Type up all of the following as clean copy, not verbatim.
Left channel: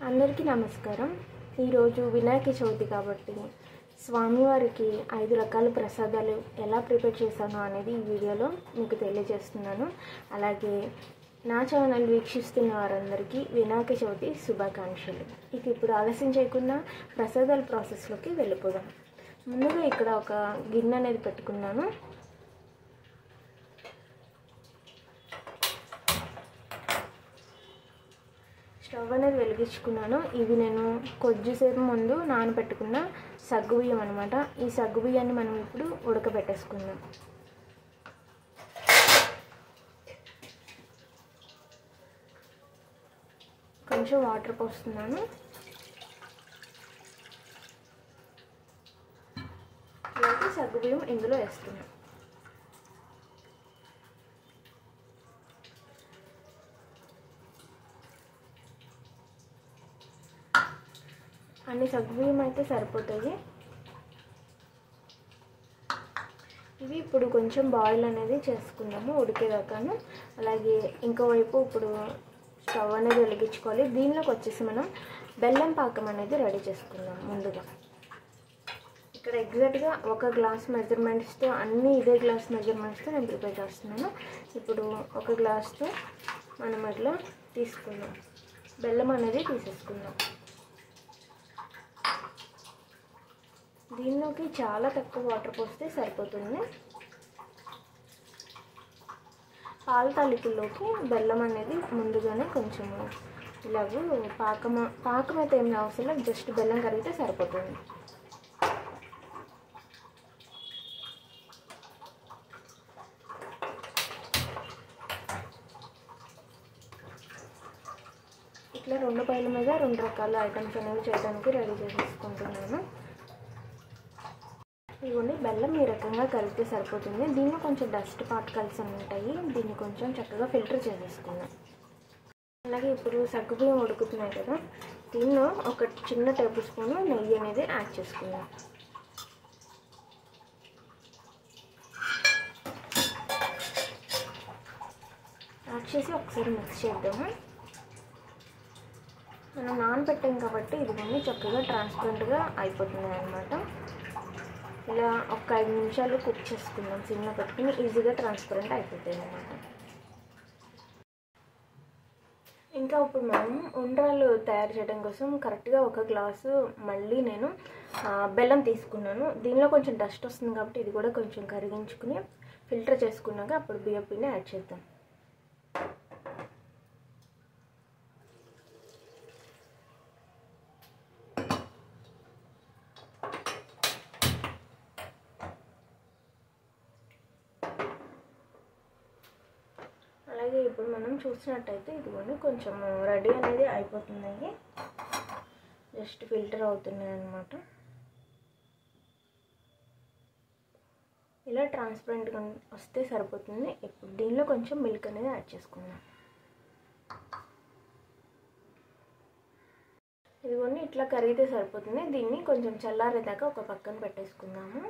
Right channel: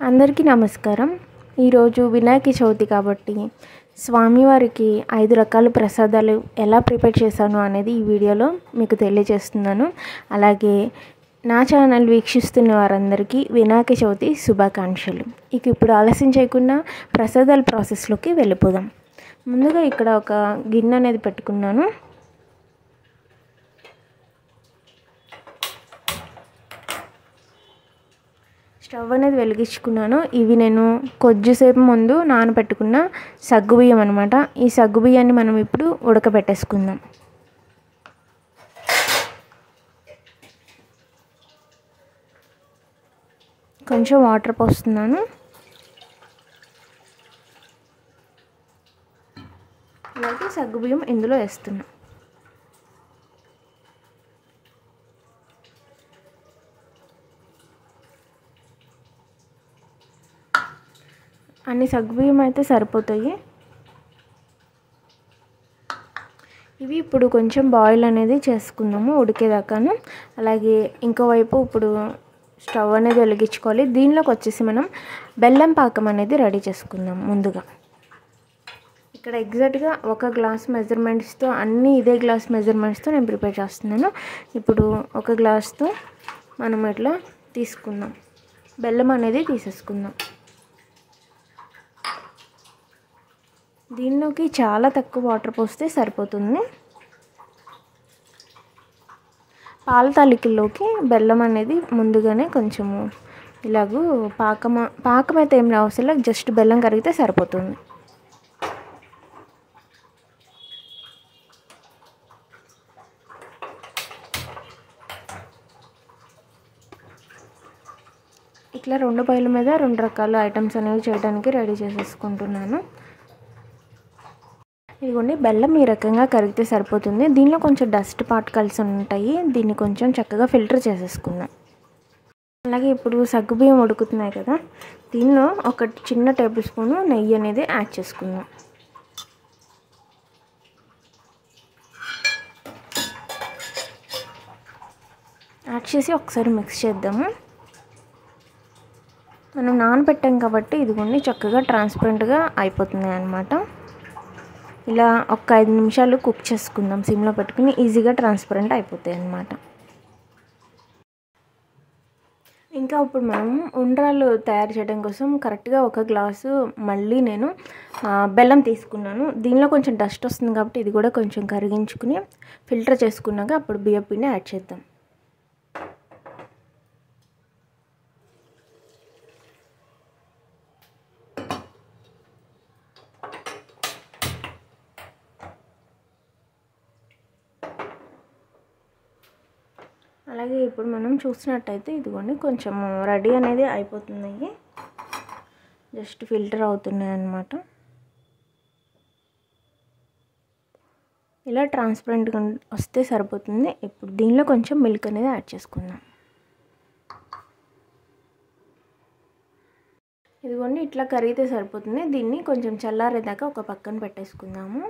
అందరికీ నమస్కారం. ఈరోజు వినాయక చవితి కాబట్టి స్వామివారికి 5 రకాల ప్రసాదాలు ఎలా ప్రిపేర్ చేశాను అనేది ఈ వీడియోలో మీకు తెలియజేస్తున్నాను. అలాగే నా ఛానల్ వీక్షిస్తున్న వారందరికీ వినాయక చవితి శుభాకాంక్షలు. ఇక ఇప్పుడు ఆలస్యం చేయకుండా ప్రసాదాల ప్రాసెస్లోకి వెళ్ళిపోదాం. ముందుగా ఇక్కడ ఒక గిన్నె అనేది పెట్టుకున్నాను. స్టవ్ అనేది వెలిగించుకున్నాను. ఇవి నేను కొద్దిసేపు ముందు నానబెట్టుకున్న సగ్గుబియ్యం అనమాట. ఈ సగ్గుబియ్యాన్ని మనం ఇప్పుడు ఉడకబెట్టేసుకుందాం. కొంచెం వాటర్ పోస్తున్నాను. అలాగే సగ్గుబియ్యం ఇందులో వేస్తున్నాను. అన్ని సగ్గుబియ్యం అయితే సరిపోతాయి. ఇవి ఇప్పుడు కొంచెం బాయిల్ అనేది చేసుకుందాము ఉడికేదాకాను. అలాగే ఇంకోవైపు ఇప్పుడు స్టవ్ అనేది వెలిగించుకోవాలి. దీనిలోకి వచ్చేసి మనం బెల్లం పాకం అనేది రెడీ చేసుకుందాం. ముందుగా ఇక్కడ ఎగ్జాక్ట్గా 1 గ్లాస్ మెజర్మెంట్స్తో అన్నీ ఇదే గ్లాస్ మెజర్మెంట్స్తో నేను ప్రిపేర్ చేస్తున్నాను. ఇప్పుడు 1 గ్లాస్తో మనం ఇట్లా తీసుకుందాం. బెల్లం అనేది తీసేసుకుందాం. దీనిలోకి చాలా తక్కువ వాటర్ పోస్తే సరిపోతుంది. పాల తాలికల్లోకి బెల్లం అనేది ముందుగానే కొంచెము ఇలాగూ పాకం అయితే ఏం అవసరం, జస్ట్ బెల్లం కరిగితే సరిపోతుంది. ఇట్లా 2 బయల మీద 2 రకాల ఐటమ్స్ అనేవి చేయడానికి రెడీ చేసేసుకుంటున్నాను. ఇదిగోండి, బెల్లం ఈ రకంగా కరిగితే సరిపోతుంది. దీనిలో కొంచెం డస్ట్ పార్టికల్స్ ఉంటాయి. దీన్ని కొంచెం చక్కగా ఫిల్టర్ చేసేసుకుందాం. అలాగే ఇప్పుడు సగ్గుబియ్యం ఉడుకుతున్నాయి కదా, దీనిలో ఒక చిన్న టేబుల్ స్పూన్ నెయ్యి అనేది యాడ్ చేసుకుందాం. యాడ్ చేసి ఒకసారి మిక్స్ చేద్దాము. మనం నానబెట్టాం కాబట్టి ఇదిగోండి చక్కగా ట్రాన్స్పరెంట్గా అయిపోతుంది అన్నమాట. ఇలా ఒక 5 నిమిషాలు కుక్ చేసుకుందాం. సిమ్లో పెట్టుకుని ఈజీగా ట్రాన్స్పరెంట్ అయిపోతాయి అన్నమాట. ఇంకా ఇప్పుడు మనం ఉండ్రాలు తయారు చేయడం కోసం కరెక్ట్గా 1 గ్లాసు మళ్ళీ నేను బెల్లం తీసుకున్నాను. దీనిలో కొంచెం డస్ట్ వస్తుంది కాబట్టి ఇది కూడా కొంచెం కరిగించుకుని ఫిల్టర్ చేసుకున్నాక అప్పుడు బియ్యం పిండి యాడ్ చేద్దాం. అలాగే ఇప్పుడు మనం చూసినట్టయితే ఇదిగోండి కొంచెం రెడీ అనేది అయిపోతున్నాయి. జస్ట్ ఫిల్టర్ అవుతున్నాయి అన్నమాట. ఇలా ట్రాన్స్పరెంట్గా వస్తే సరిపోతుంది. ఇప్పుడు దీనిలో కొంచెం మిల్క్ అనేది యాడ్ చేసుకుందాం. ఇదిగోండి ఇట్లా కరిగితే సరిపోతుంది. దీన్ని కొంచెం చల్లారేదాకా ఒక పక్కన పెట్టేసుకుందాము.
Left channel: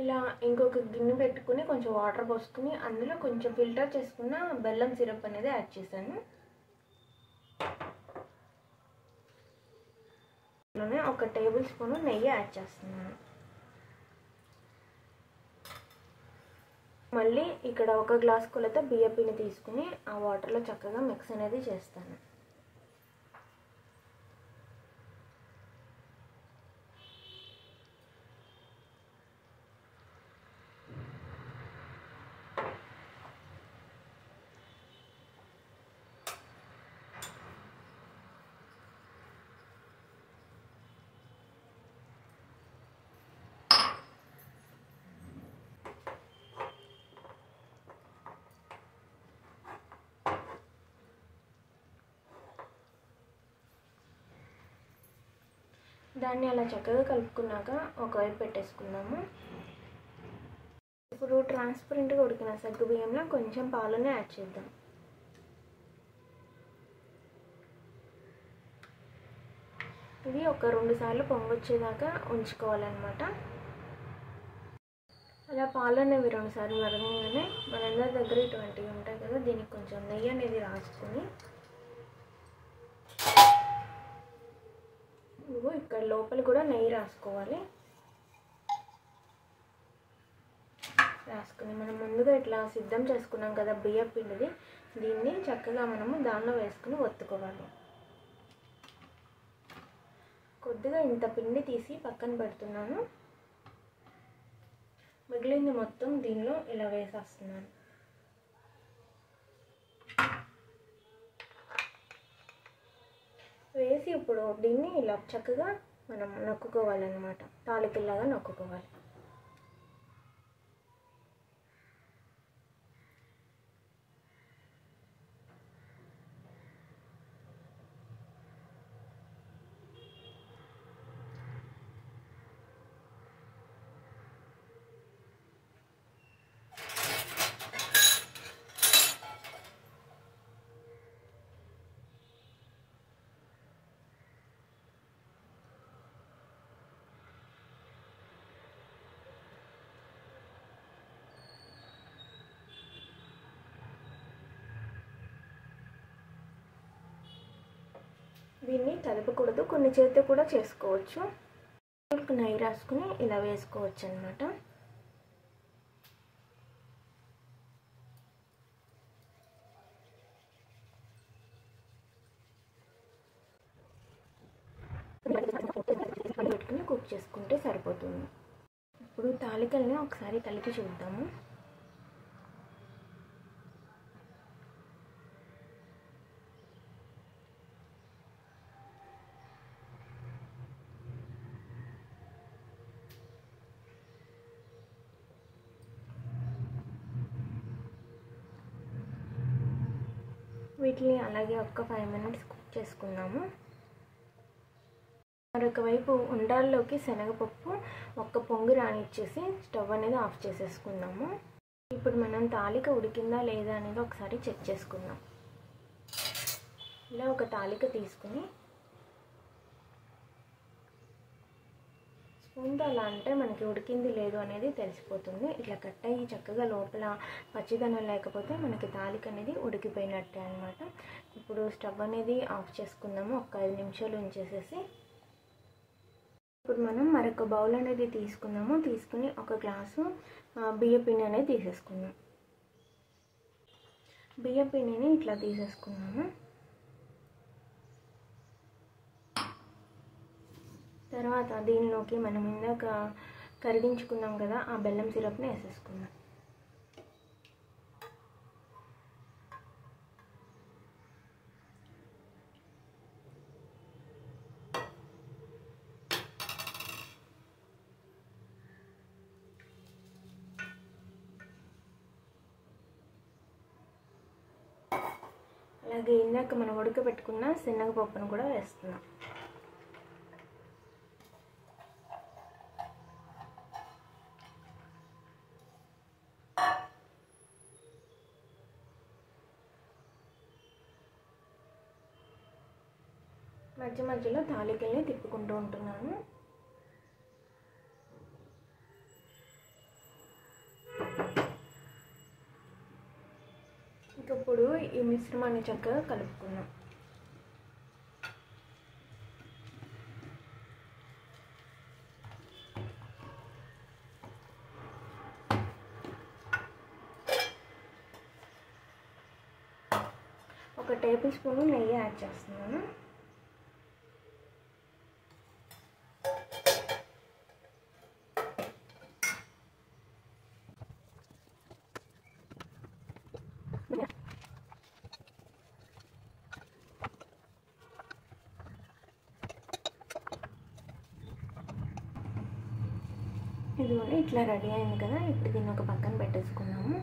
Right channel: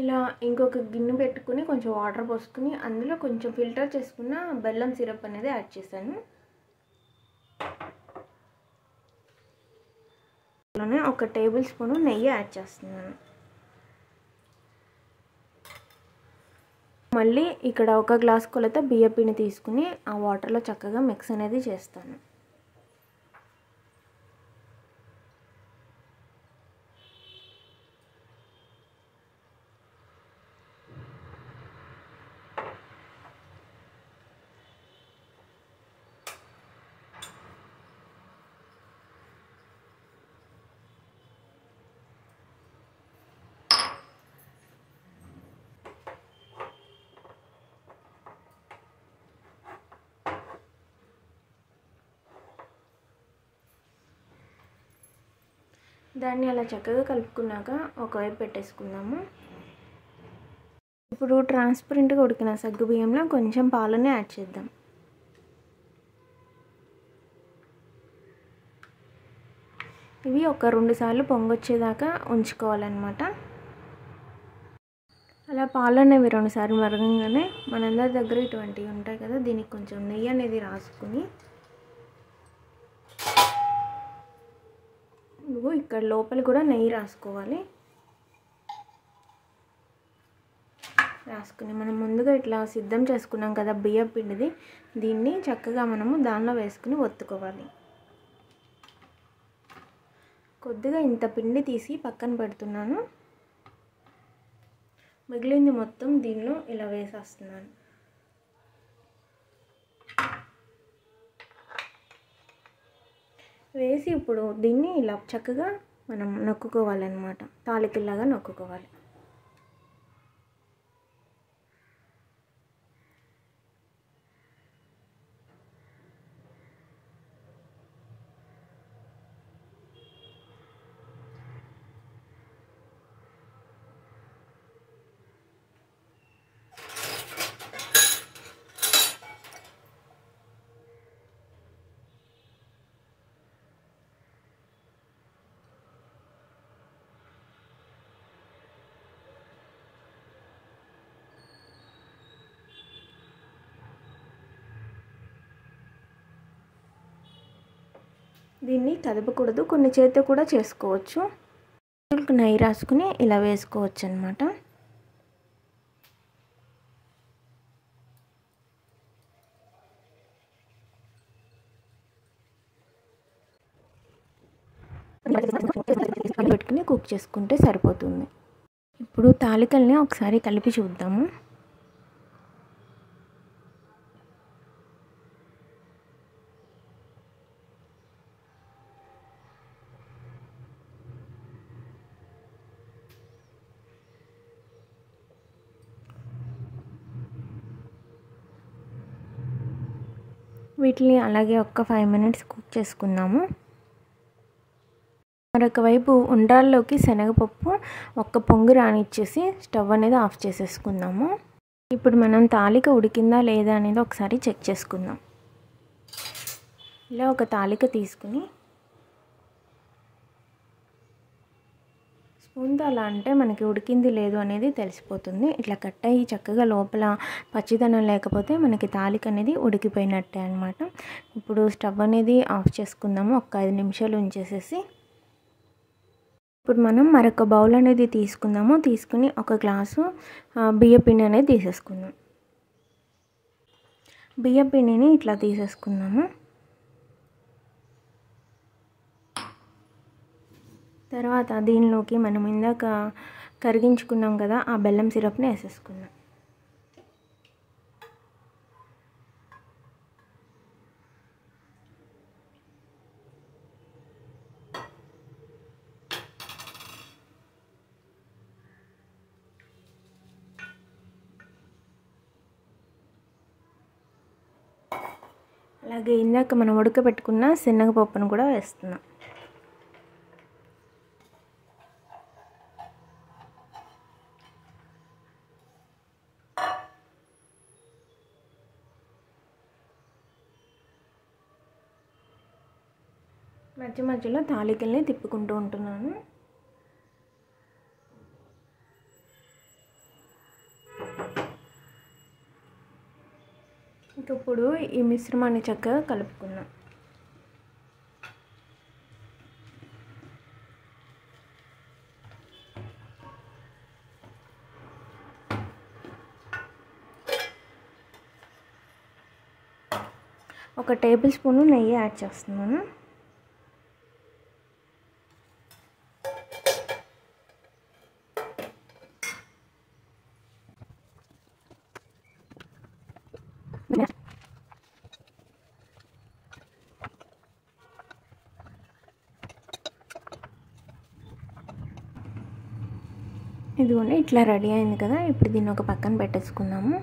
ఇలా ఇంకొక గిన్నె పెట్టుకుని కొంచెం వాటర్ పోసుకుని అందులో కొంచెం ఫిల్టర్ చేసుకున్న బెల్లం సిరప్ అనేది యాడ్ చేశాను. అలానే 1 టేబుల్ స్పూన్ నెయ్యి యాడ్ చేస్తున్నాను. మళ్ళీ ఇక్కడ 1 గ్లాస్ కొలత బియ్యం పిండి తీసుకుని ఆ వాటర్లో చక్కగా మిక్స్ అనేది చేస్తాను. దాన్ని అలా చక్కగా కలుపుకున్నాక ఒకవైపు పెట్టేసుకుందాము. ఇప్పుడు ట్రాన్స్పరెంట్గా ఉడికిన సగ్గుబియ్యంలో కొంచెం పాలని యాడ్ చేద్దాం. ఇవి ఒక 2 సార్లు పొంగొచ్చేదాకా ఉంచుకోవాలన్నమాట. అలా పాలు అనేవి 2 సార్లు మరగంగానే మనందరి దగ్గర ఇటువంటివి ఉంటాయి కదా, దీనికి కొంచెం నెయ్యి అనేది రాసుకొని ఇదిగో ఇక్కడ లోపల కూడా నెయ్యి రాసుకోవాలి. రాసుకుని మనం ముందుగా ఇట్లా సిద్ధం చేసుకున్నాం కదా బియ్యం పిండిది, దీన్ని చక్కగా మనము దానిలో వేసుకుని ఒత్తుకోవాలి. కొద్దిగా ఇంత పిండి తీసి పక్కన పెడుతున్నాను. మిగిలింది మొత్తం దీనిలో ఇలా వేసేస్తున్నాను. వేసి ఇప్పుడు దీన్ని ఇలా చక్కగా మనం నొక్కుకోవాలన్నమాట. తాలికల్లాగా నొక్కుకోవాలి. దీన్ని కదపకూడదు, కొన్ని చేతితో కూడా చేసుకోవచ్చు. నెయ్యి రాసుకుని ఇలా వేసుకోవచ్చు అన్నమాట. పెట్టుకుని కుక్ చేసుకుంటే సరిపోతుంది. ఇప్పుడు తాలికల్ని ఒకసారి కలిపి చూద్దాము. వీటిని అలాగే ఒక్క 5 మినిట్స్ కుక్ చేసుకుందాము. మరొక వైపు ఉండ్రాల్లోకి శనగపప్పు ఒక్క పొంగు రానిచ్చేసి స్టవ్ అనేది ఆఫ్ చేసేసుకుందాము. ఇప్పుడు మనం తాలిక ఉడికిందా లేదా అనేది ఒకసారి చెక్ చేసుకుందాం. ఇలా ఒక తాలిక తీసుకుని స్పూన్తో అలా అంటే మనకి ఉడికింది లేదు అనేది తెలిసిపోతుంది. ఇట్లా కట్ అయ్యి చక్కగా లోపల పచ్చిదనం లేకపోతే మనకి తాలిక అనేది ఉడికిపోయినట్టే అనమాట. ఇప్పుడు స్టవ్ అనేది ఆఫ్ చేసుకుందాము. ఒక 5 నిమిషాలు ఉంచేసేసి ఇప్పుడు మనం మరొక బౌల్ అనేది తీసుకుందాము. తీసుకుని ఒక గ్లాసు బియ్యపిండి అనేది తీసేసుకుందాం. బియ్యపిండిని ఇట్లా తీసేసుకుందాము. తర్వాత దీనిలోకి మనం ఇందాక కరిగించుకున్నాం కదా ఆ బెల్లం సిరప్ని వేసేసుకుందాం. అలాగే ఇందాక మనం ఉడకబెట్టుకున్న శనగపప్పును కూడా వేస్తున్నాం. మధ్య మధ్యలో తాలికల్ని తిప్పుకుంటూ ఉంటున్నాను. ఇప్పుడు ఈ మిశ్రమాన్ని చక్కగా కలుపుకుందాం. ఒక టేబుల్ స్పూన్ నెయ్యి యాడ్ చేస్తున్నాను. ఇదిగోండి ఇట్లా రెడీ అయింది కదా. ఇప్పుడు దీన్ని ఒక పక్కన పెట్టేసుకుందాము.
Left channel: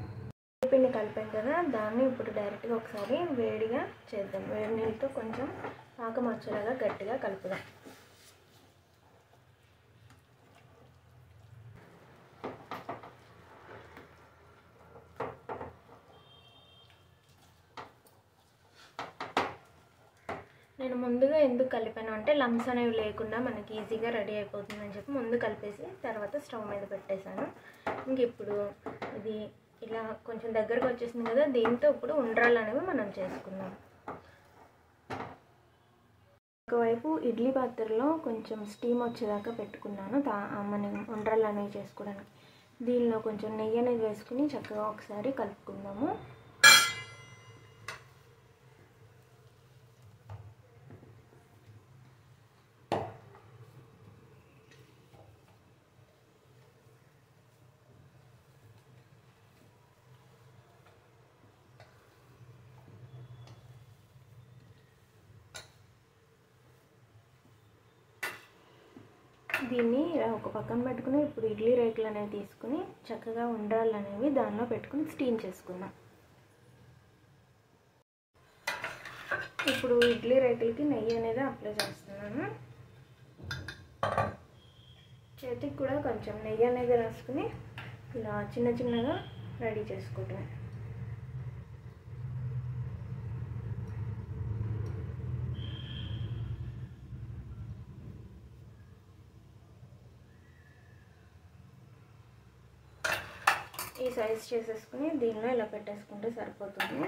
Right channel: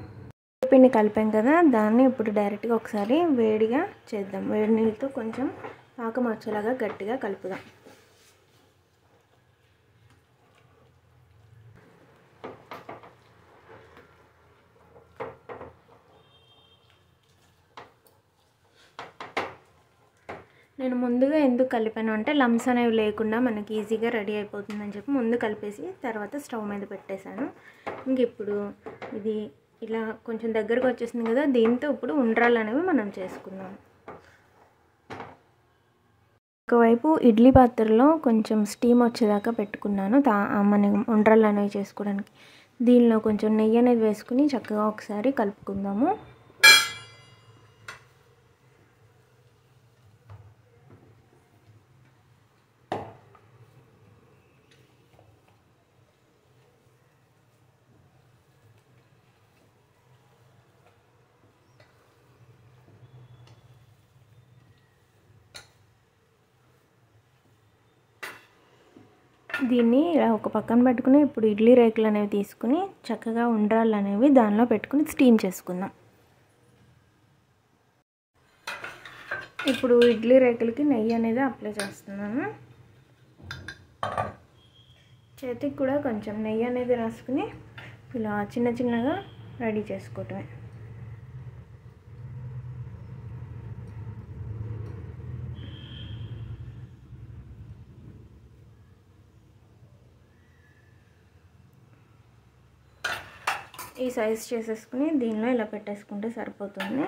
పిండి కలిపాం కదా, దాన్ని ఇప్పుడు డైరెక్ట్గా ఒకసారి వేడిగా చేద్దాం. వేడి నీళ్ళతో కొంచెం పాకం వచ్చేలాగా గట్టిగా కలుపుదాం. నేను ముందుగా ఎందుకు కలిపాను అంటే లమ్స్ అనేవి లేకుండా మనకి ఈజీగా రెడీ అయిపోతుందని చెప్పి ముందు కలిపేసి తర్వాత స్టవ్ మీద పెట్టేశాను. ఇంక ఇప్పుడు ఇది ఇలా కొంచెం దగ్గరకు వచ్చేసింది కదా, దీంతో ఇప్పుడు ఉండ్రాలు అనేవి మనం చేసుకుందాం. ఒకవైపు ఇడ్లీ పాత్రలో కొంచెం స్టీమ్ వచ్చేదాకా పెట్టుకున్నాను మనం ఉండ్రలు అనేవి చేసుకోవడానికి. దీనిలో కొంచెం నెయ్యి అనేది వేసుకుని చక్కగా ఒకసారి కలుపుకుందాము. దీన్ని ఒక పక్కన పెట్టుకుని ఇప్పుడు ఇడ్లీ రేకులు అనేవి తీసుకుని చక్కగా ఉండ్రాళ్ళు అనేవి దానిలో పెట్టుకుని స్టీమ్ చేసుకుందాం. ఇప్పుడు ఇడ్లీ రేకులకి నెయ్యి అనేది అప్లై చేస్తున్నాను. చేతికి కూడా కొంచెం నెయ్యి అనేది రాసుకుని ఇలా చిన్న చిన్నగా రెడీ చేసుకోవటమే. ఈ సైజ్ చేసేసుకుని దీనిలో ఇలా పెట్టేసుకుంటే సరిపోతుంది.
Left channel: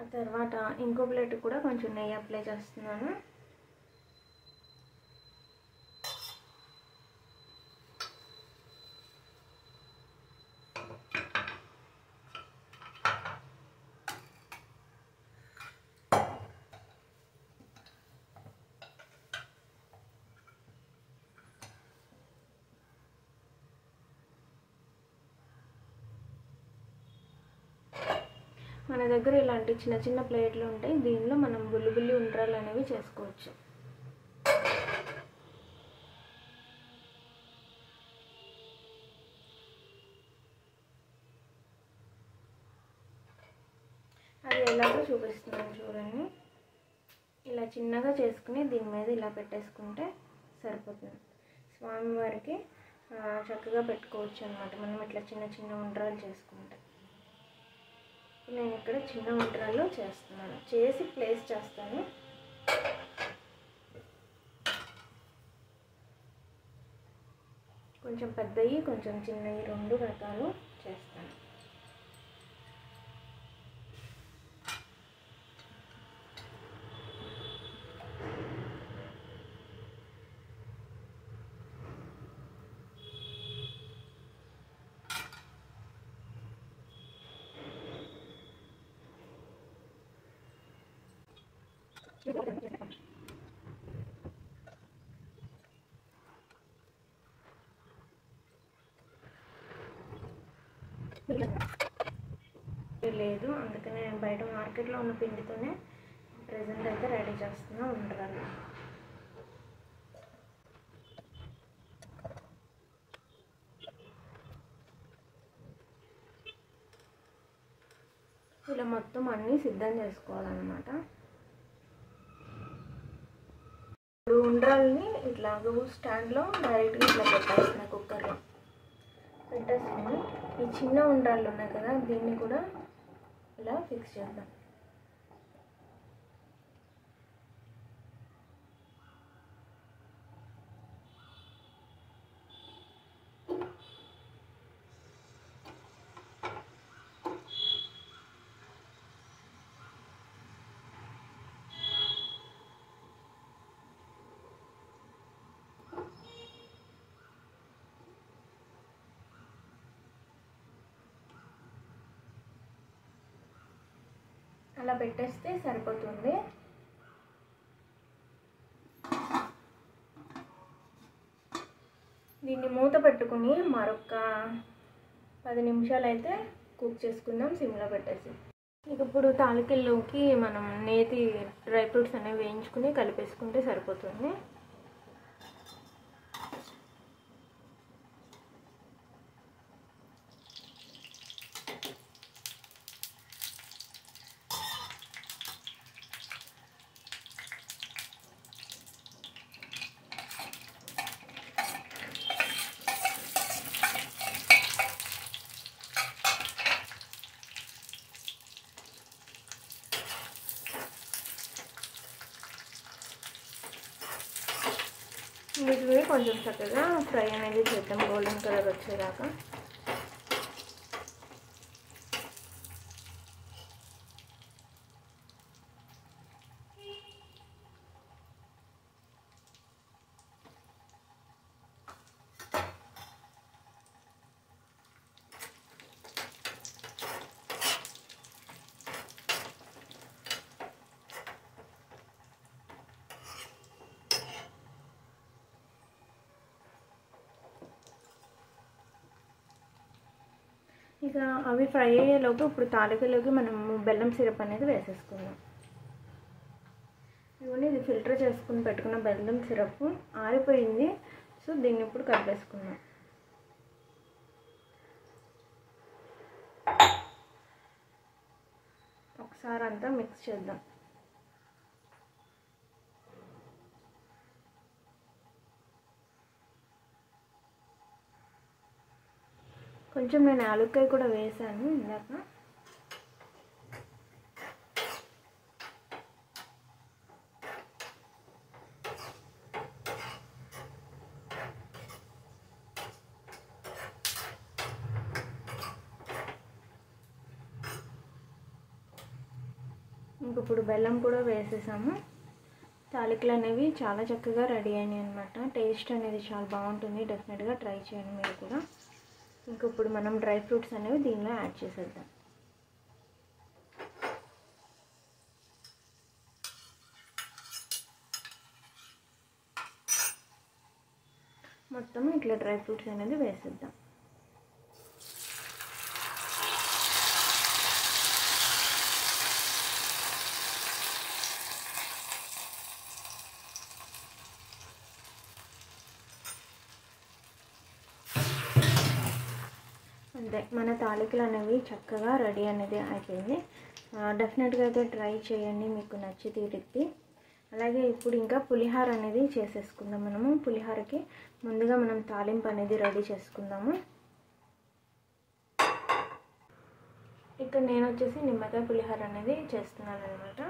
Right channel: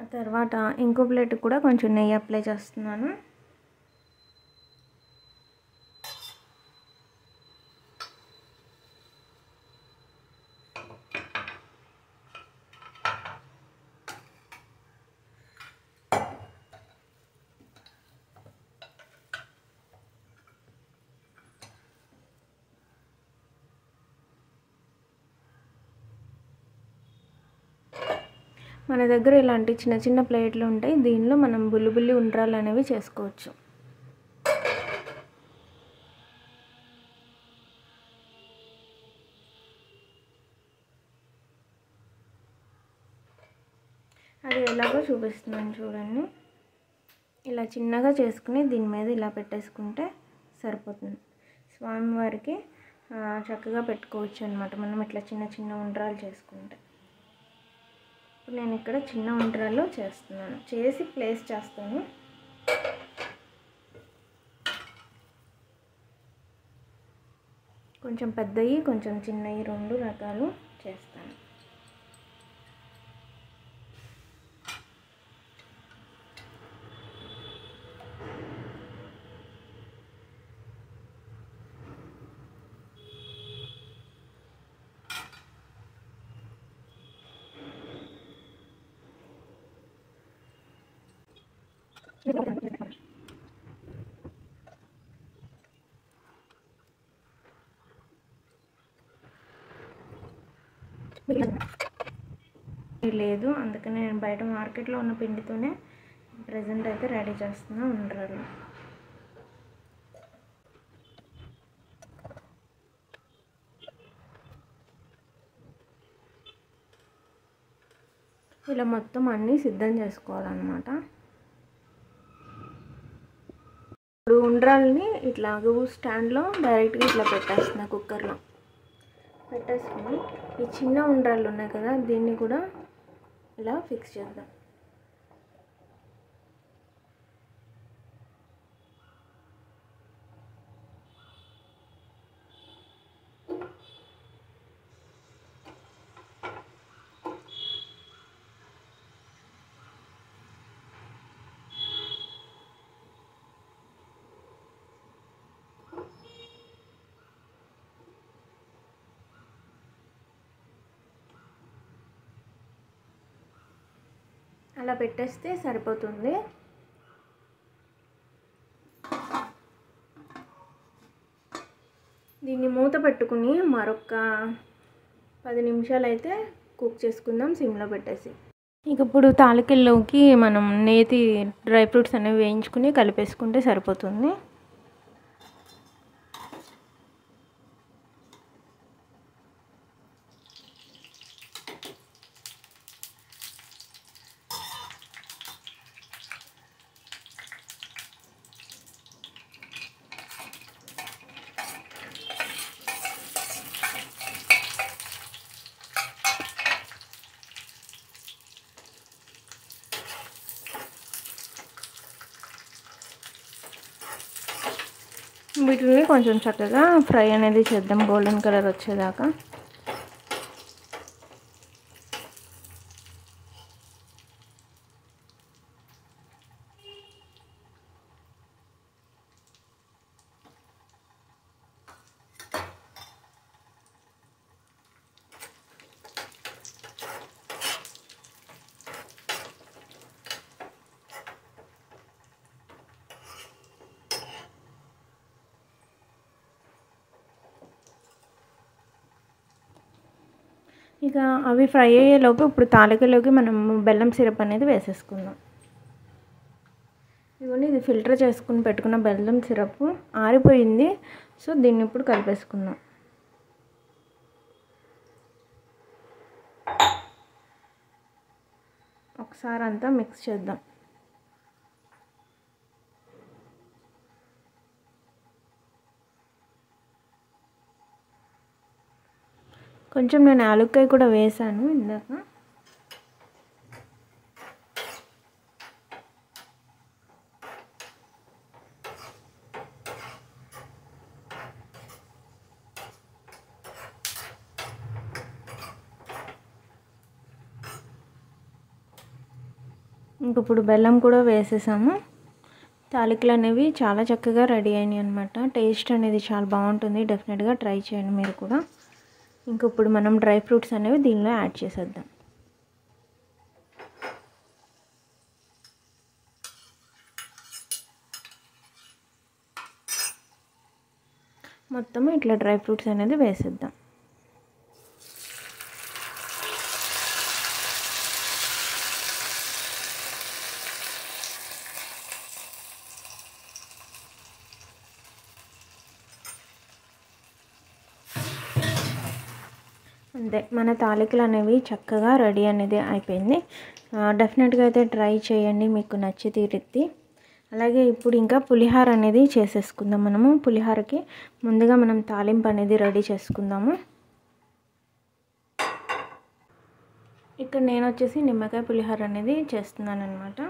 ఆ తర్వాత ఇంకో ప్లేట్ కూడా కొంచెం నెయ్యి అప్లై చేస్తున్నాను. మన దగ్గర ఇలాంటి చిన్న చిన్న ప్లేట్లు ఉంటాయి. దీనిలో మనం బుల్లి ఉండ్రాలు అనేవి చేసుకోవచ్చు. అది ఎలాగో చూపిస్తున్నాను చూడండి. ఇలా చిన్నగా చేసుకుని దీని మీద ఇలా పెట్టేసుకుంటే సరిపోతుంది. స్వామివారికి చక్కగా పెట్టుకోవచ్చు అన్నమాట మనం ఇట్లా చిన్న చిన్న ఉండ్రాలు చేసుకుంటే. నేను ఇక్కడ చిన్న ఉండ్రాలు చేస్తున్నాను, చేసి ప్లేస్ చేస్తాను. కొంచెం పెద్దవి కొంచెం చిన్నవి 2 రకాలు చేస్తాను. లేదు, అందుకనే నేను బయట మార్కెట్లో ఉన్న పిండితోనే ప్రెజెంట్ అయితే రెడీ చేస్తున్నా ఉండ్రాలు. ఇలా మొత్తం అన్నీ సిద్ధం చేసుకోవాలన్నమాట. ఇప్పుడు ఉండ్రాలని ఇట్లా స్టాండ్లో డైరెక్ట్గా ఇట్లా పెట్టేస్తున్నా, కుక్కర్లో పెట్టేసుకుని ఈ చిన్న ఉండ్రాళ్ళు ఉన్నాయి కదా దీన్ని కూడా ఇలా ఫిక్స్ చేద్దాం. అలా పెట్టేస్తే సరిపోతుంది. దీన్ని మూత పెట్టుకుని మరొక 10 నిమిషాలు అయితే కుక్ చేసుకుందాం సిమ్లో పెట్టేసి. ఇక ఇప్పుడు తాలికల్లోకి మనం నేతి డ్రై ఫ్రూట్స్ అనేవి వేయించుకుని కలిపేసుకుంటే సరిపోతుంది. వీటిని కొంచెం చక్కగా ఫ్రై అనేది చేద్దాం గోల్డెన్ కలర్ వచ్చేదాకా. ఇక అవి ఫ్రై అయ్యేలోపు ఇప్పుడు తాలికలోకి మనం బెల్లం సిరప్ అనేది వేసేసుకుందాం. ఇవన్నీ ఇది ఫిల్టర్ చేసుకుని పెట్టుకున్న బెల్లం సిరప్ ఆరిపోయింది. సో దీన్ని ఇప్పుడు కలిపేసుకుందాం. ఒకసారి అంతా మిక్స్ చేద్దాం. కొంచెం నేను యాలక్కాయ కూడా వేసాను ఇందాక. ఇంక ఇప్పుడు బెల్లం కూడా వేసేసాము. తాలికలు అనేవి చాలా చక్కగా రెడీ అయినాయి అనమాట. టేస్ట్ అనేది చాలా బాగుంటుంది. డెఫినెట్గా ట్రై చేయండి మీరు కూడా. ఇంక ఇప్పుడు మనం డ్రై ఫ్రూట్స్ అనేవి దీనిలో యాడ్ చేసేద్దాం. మొత్తం ఇట్లా డ్రై ఫ్రూట్స్ అనేది వేసేద్దాం. అంతే, మన తాలికలు అనేవి చక్కగా రెడీ అనేది అయిపోయింది. డెఫినెట్గా అయితే ట్రై చేయండి, మీకు నచ్చి తీరుద్ది. అలాగే ఇప్పుడు ఇంకా పులిహార అనేది చేసేసుకుందాం. మనము పులిహారకి ముందుగా మనం తాలింపు అనేది రెడీ చేసుకుందాము. ఇక్కడ నేను వచ్చేసి నిమ్మకాయ పులిహార అనేది చేస్తున్నాను అనమాట.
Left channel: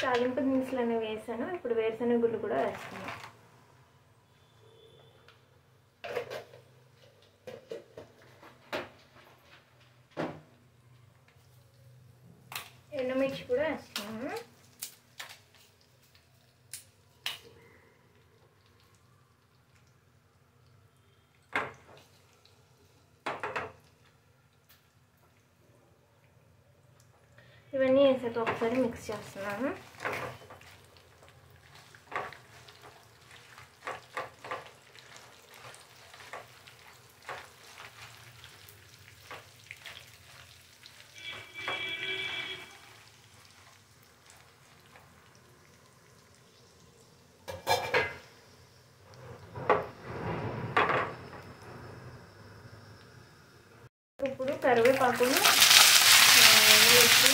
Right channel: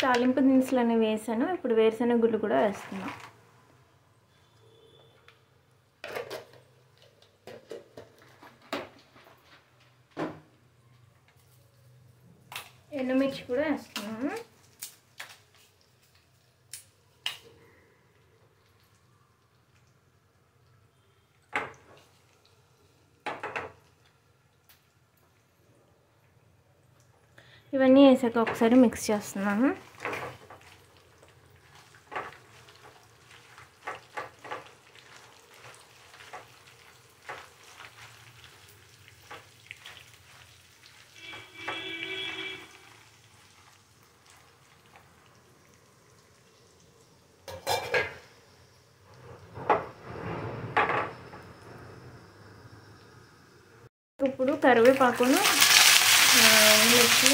తాలింపు దినుసులు అనేవి వేసాను. ఇప్పుడు వేరుశనగ గుళ్ళు కూడా వేస్తున్నాను. ఎండుమిర్చి కూడా వేస్తున్నాను. ఇవన్నీ వేసాక ఒకసారి మిక్స్ చేస్తున్నాను. ఇప్పుడు కరివేపాకును వేసి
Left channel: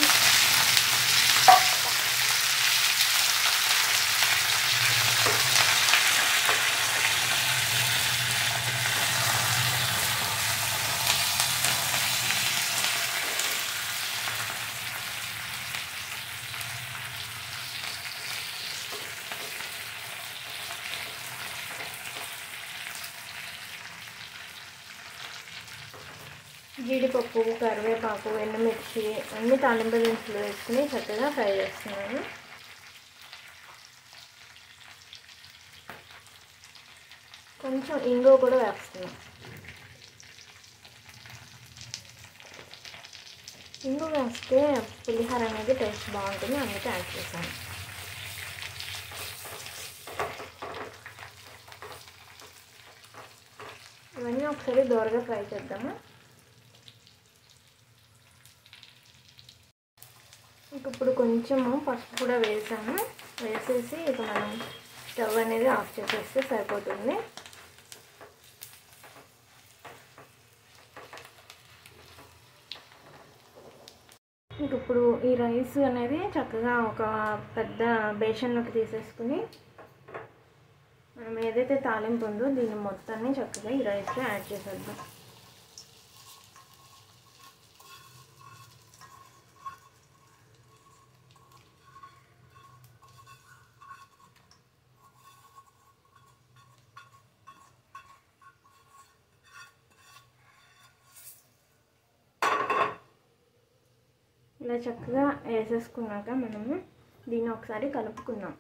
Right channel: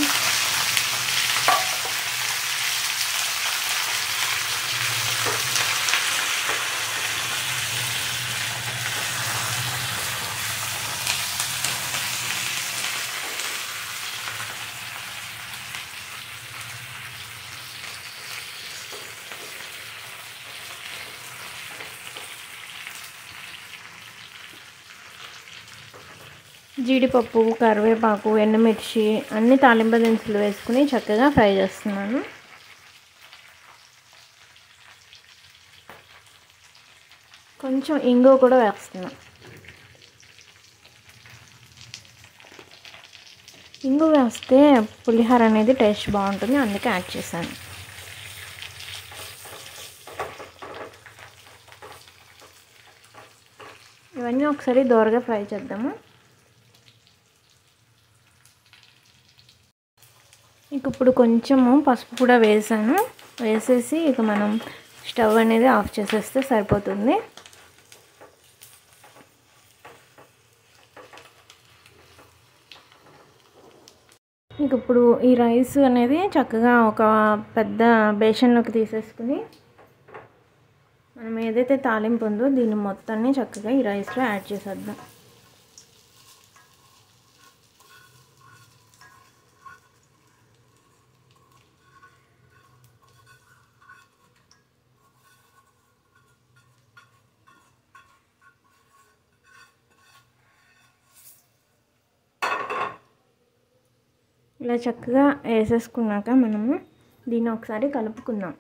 జీడిపప్పు, కరివేపాకు, ఎండుమిర్చి అన్ని తాలింపు దినుసులు వేసుకుని చక్కగా ఫ్రై చేస్తున్నాను. కొంచెం ఇంగువ కూడా వేస్తున్నాను. ఇంగువ వేస్తే పులిహోర అనేది టేస్ట్ బాగుంటుంది, అందుకే యాడ్ చేశాను. ఇవన్నీ ఒకసారి దోరగా ఫ్రై చేద్దాము. ఇక ఇప్పుడు కొంచెము పసుపు కూడా వేసాను. వేసేసి ఇక మనం స్టవ్ అనేది ఆఫ్ చేసేస్తే సరిపోతుంది. ఇంక ఇప్పుడు ఈ రైస్ అనేది చక్కగా ఒక పెద్ద బేషన్లోకి తీసేసుకుని మనం ఏదైతే తాలింపు ఉందో దీన్ని మొత్తాన్ని చక్కగా ఈ రైస్లో యాడ్ చేసేద్దాం. ఇలా చక్కగా వేసేసుకున్నాక మనము దీన్ని ఒకసారి కలుపుకుందాం.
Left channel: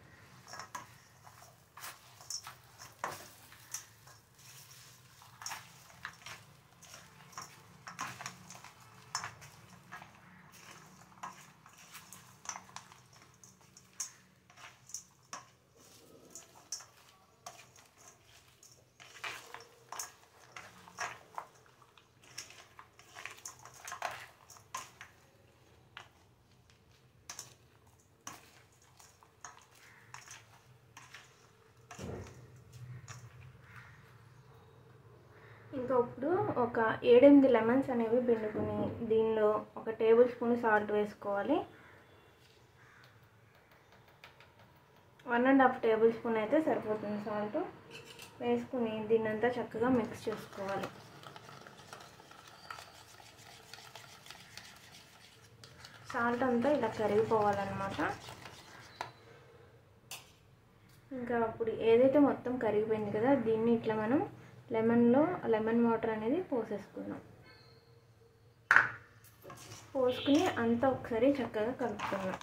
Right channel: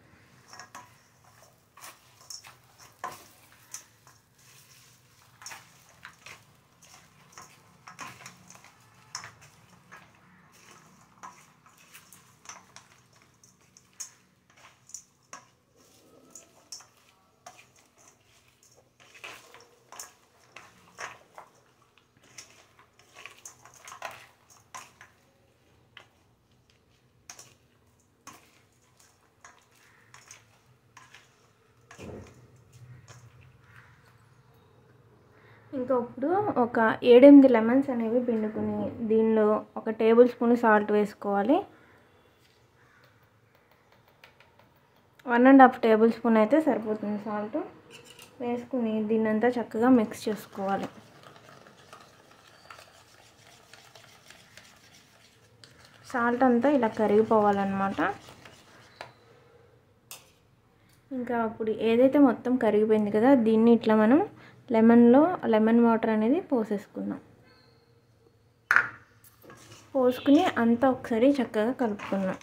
ఇంకా ఇప్పుడు ఒక 7-8 లెమన్స్ అనేవి పిండుకుని దీనిలో ఒక టేబుల్ స్పూన్ సాల్ట్ వేసుకోవాలి. 1.5 టేబుల్ స్పూన్ అయితే సరిపోతుంది సాల్ట్. వేసుకుని దీన్నంతా చక్కగా మిక్స్ చేసుకోవాలి. సాల్ట్ అంతా ఇలా కరిగిపోవాలన్నమాట. ఇంకా అప్పుడు ఏదైతే మొత్తం కరిగిపోయింది కదా, దీన్ని ఇట్లా మనం లెమన్ వాటర్ అనేది పోసేసుకున్నాం. పోసుకుని అంతా ఒకసారి చక్కగా కలుపుకున్నాం.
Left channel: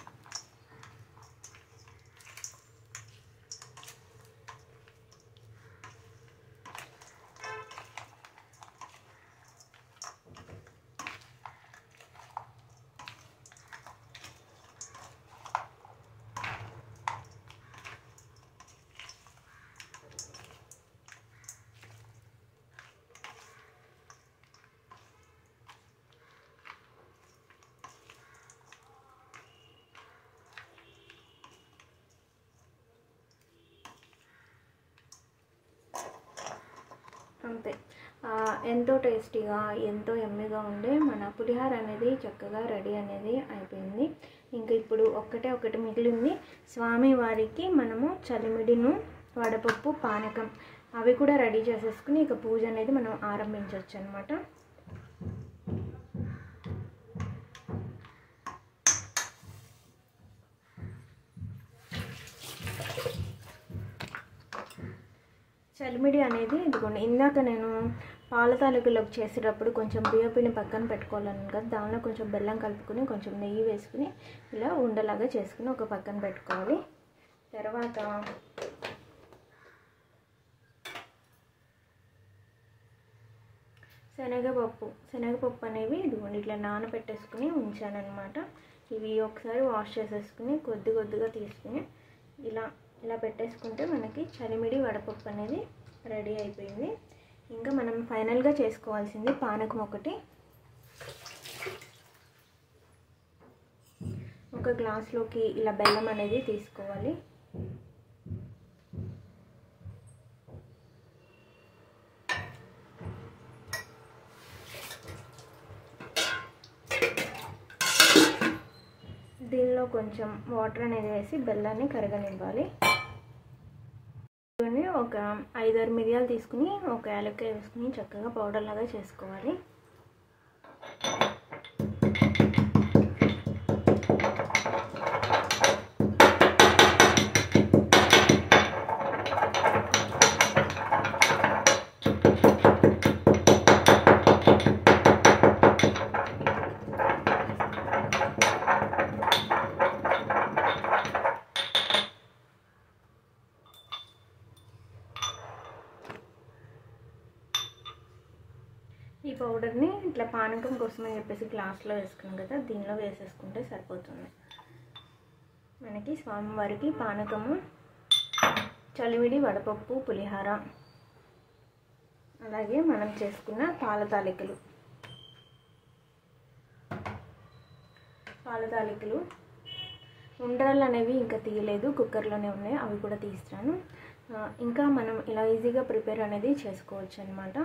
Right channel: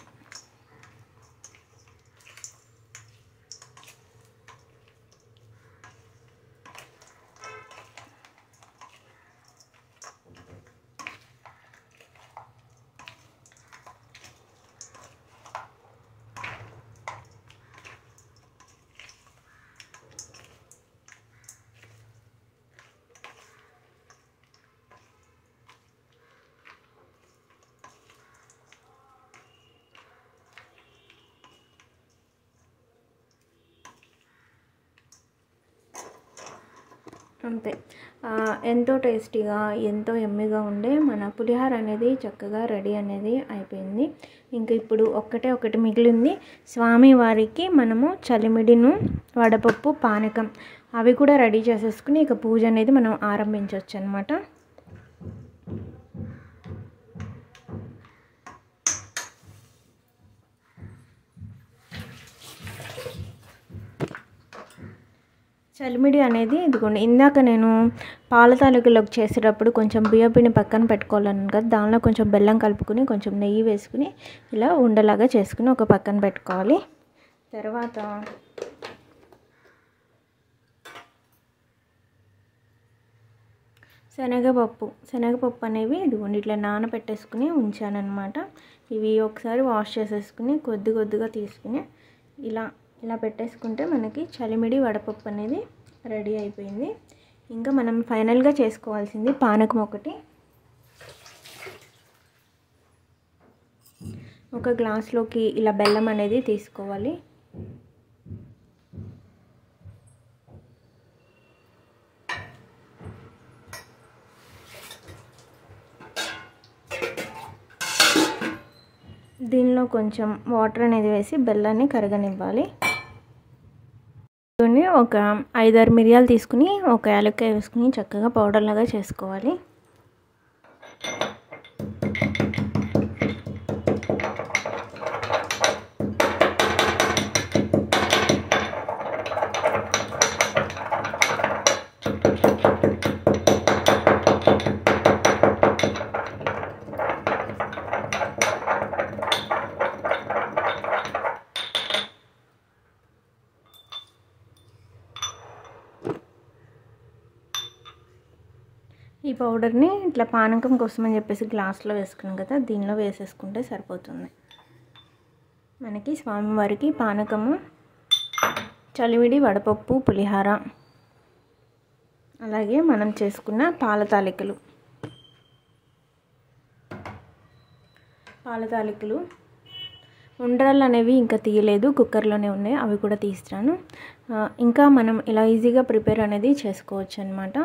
అంతే, ఎంతో టేస్టీగా ఎంతో యమ్మీగా ఉండే మన పులిహోర అనేది చక్కగా రెడీ అనేది అయిపోయింది. ఇంకా ఇప్పుడు ఒకటి మిగిలింది. స్వామివారికి మనము చలిమిడిను, వడపప్పు, పానకం అవి కూడా రెడీ చేసేసుకుని ఇక పూజ అనేది మనం ఆరంభించవచ్చు అన్నమాట. చలిమిడి అనేది ఇదిగోండి, ఇందాక నేను పాల తాలికలోకి చేసేటప్పుడు కొంచెం బియ్యపిండి పక్కన పెట్టుకోవాలను కదా, దానిలో కొంచెం బెల్లం కలుపుకుని కొంచెం నెయ్యి వేసుకుని ఇలా ఉండలాగా చేసుకుని ఒక పక్కన పెట్టుకోవాలి. తర్వాత శనగపప్పు అనేవి ఇదిగోండి ఇట్లా నానబెట్టేసుకుని ఉంచానన్నమాట. ఇవి ఒకసారి వాష్ చేసేసుకుని కొద్దిగా తీసుకుని ఇలా పెట్టేసుకుంటే మనకి చలిమిడి వడపప్పు అనేది రెడీ అయిపోయింది. ఇంకా మనం ఫైనల్గా చేసుకోవాల్సింది పానకం ఒకటి. ఒక గ్లాస్లోకి ఇలా బెల్లం అనేది తీసుకోవాలి. దీనిలో కొంచెం వాటర్ అనేది వేసి బెల్లాన్ని కరగనివ్వాలి. ఒక 5-6 మిరియాలు తీసుకుని ఒక యాలక్కాయ వేసుకుని చక్కగా పౌడర్ లాగా చేసుకోవాలి. ఈ పౌడర్ని ఇట్లా పానకం కోసం అని చెప్పేసి గ్లాస్లో వేసుకున్నాం కదా, దీనిలో వేసేసుకుంటే సరిపోతుంది. మనకి స్వామివారికి పానకము, చలివిడి వడపప్పు, పులిహార, అలాగే మనం చేసుకున్న పాల తాలికలు ఉండ్రాళ్ళు అనేవి ఇంకా తీయలేదు, కుక్కర్లోనే ఉన్నాయి, అవి కూడా తీస్తాను. ఇంకా మనం ఇలా ఈజీగా ప్రిపేర్ అనేది చేసుకోవచ్చు అన్నమాట.